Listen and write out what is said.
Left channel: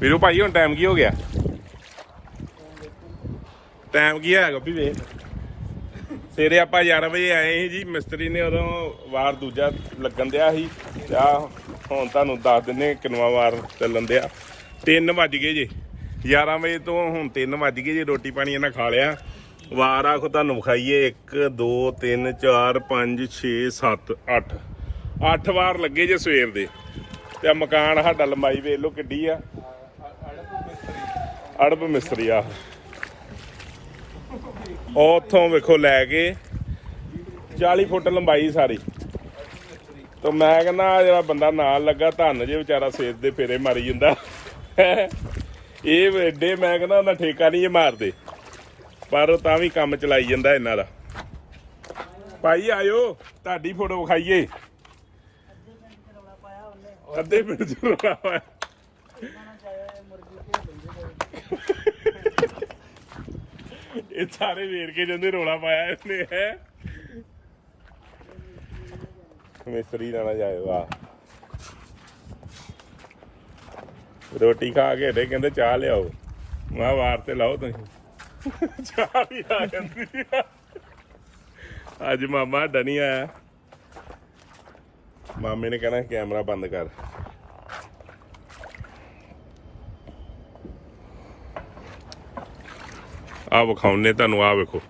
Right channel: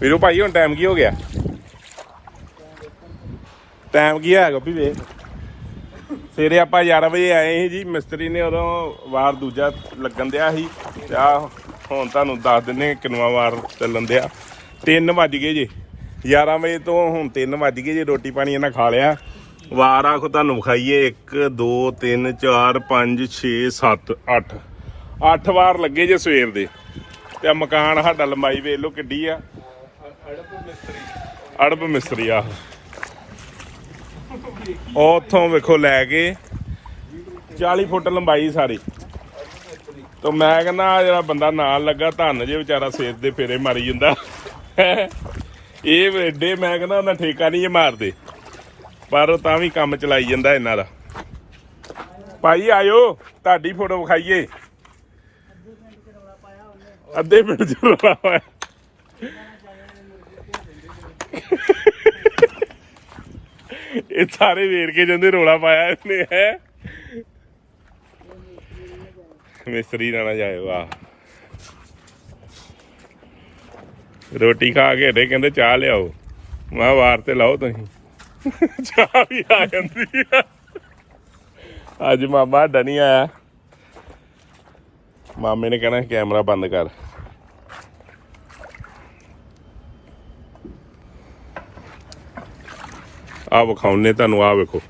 ਵੀਰੋ ਭਾਈ, ਹੁਣ ਟਾਈਮ ਕੀ ਹੋ ਗਿਆ? ਟਾਈਮ ਕੀ ਹੈ, ਗੱਪੀ ਵੇ? ਸਵੇਰੇ ਆਪਾਂ 11 ਵਜੇ ਆਏ ਸੀ ਜੀ, ਮਿਸਤਰੀ ਨੇ ਉਦੋਂ ਵਾਰ ਦੂਜਾ ਲੱਗਣ ਦਿਆ ਸੀ। ਤੇ ਹੁਣ ਤੁਹਾਨੂੰ ਦੱਸ ਦਿੰਨੇ ਕਿੰਨਵਾ ਵਾਰ ਚੱਲਣ ਦਿਆ। 3 ਵੱਜ ਗਏ ਜੀ। 11 ਵਜੇ ਤੋਂ ਹੁਣ 3 ਵੱਜ ਗਏ ਜੀ, ਰੋਟੀ ਪਾਣੀ ਇਹਨਾਂ ਖਾ ਲਿਆ। ਵਾਰ ਆਖੋ ਤੁਹਾਨੂੰ ਵਿਖਾਈਏ 1 2 3 4 5 6 7 8 8 ਵਾਰ ਲੱਗੇ ਜੇ ਸਵੇਰ ਦੇ। ਤੇ ਮਕਾਨ ਸਾਡਾ ਲੰਬਾਈ ਵੇਖ ਲਓ ਕਿੱਡੀ ਆ। ਅੜਬ ਮਿਸਤਰੀ। ਆ ਉਹ ਵੇਖੋ ਲੈ ਕੇ 40 ਫੁੱਟ ਲੰਬਾਈ ਸਾਰੀ। ਤੇ ਮੈਂ ਕਹਿੰਦਾ, ਆਹ ਜਿਹੜਾ ਬੰਦਾ ਨਾਲ ਲੱਗਾ, ਧੰਨ ਜੇ ਵਿਚਾਰਾ ਸੇਤ ਦੇ ਫੇਰੇ ਮਾਰੀ ਜਾਂਦਾ। ਇਹ ਏਡੇ, ਮੈਂ ਕਹਿੰਦਾ ਉਹਨਾਂ ਠੇਕਾ ਨਹੀਂ ਇਹ ਮਾਰਦੇ। ਪਰ ਤਾਂ ਵੀ ਕੰਮ ਚਲਾਈ ਜਾਂਦਾ ਇਹਨਾਂ ਦਾ। ਭਾਈ, ਆਇਓ, ਤੁਹਾਡੀ ਫੋਟੋ ਵਿਖਾਈਏ। ਅੱਧੇ ਮਿੰਟ ਚ ਰੌਲਾ ਪਾਇਆ। ਇਹ ਸਾਰੇ ਵੇਰ ਕੇ ਜਾਂਦੇ ਰੋਲਾ ਪਾਇਆ ਇਹਨੇ, ਹੈ? ਮਿਸਤਰੀ ਨਾ ਨਾ ਜਾਏ ਵਾਹ। ਰੋਟੀ ਖਾ ਕੇ ਹਟੇ, ਕਹਿੰਦੇ ਚਾਹ ਲਿਆਓ। ਮੈਂ ਵਾਰ ਤੇ ਲਾਓ ਤੁਸੀਂ। ਚਾਹ ਵੀ ਆ ਜਾਂਦੀ ਅੱਜ ਮਾਮਾ ਸਾਡਾ ਨਹੀਂ ਆਇਆ। ਮਾਮੇ ਨੇ ਕਹਿਣਾ ਕੈਮਰਾ ਬੰਦ ਕਰ। ਆ ਵਿਖਾਉਨੇ ਤੁਹਾਨੂੰ ਆ ਵੇਖੋ।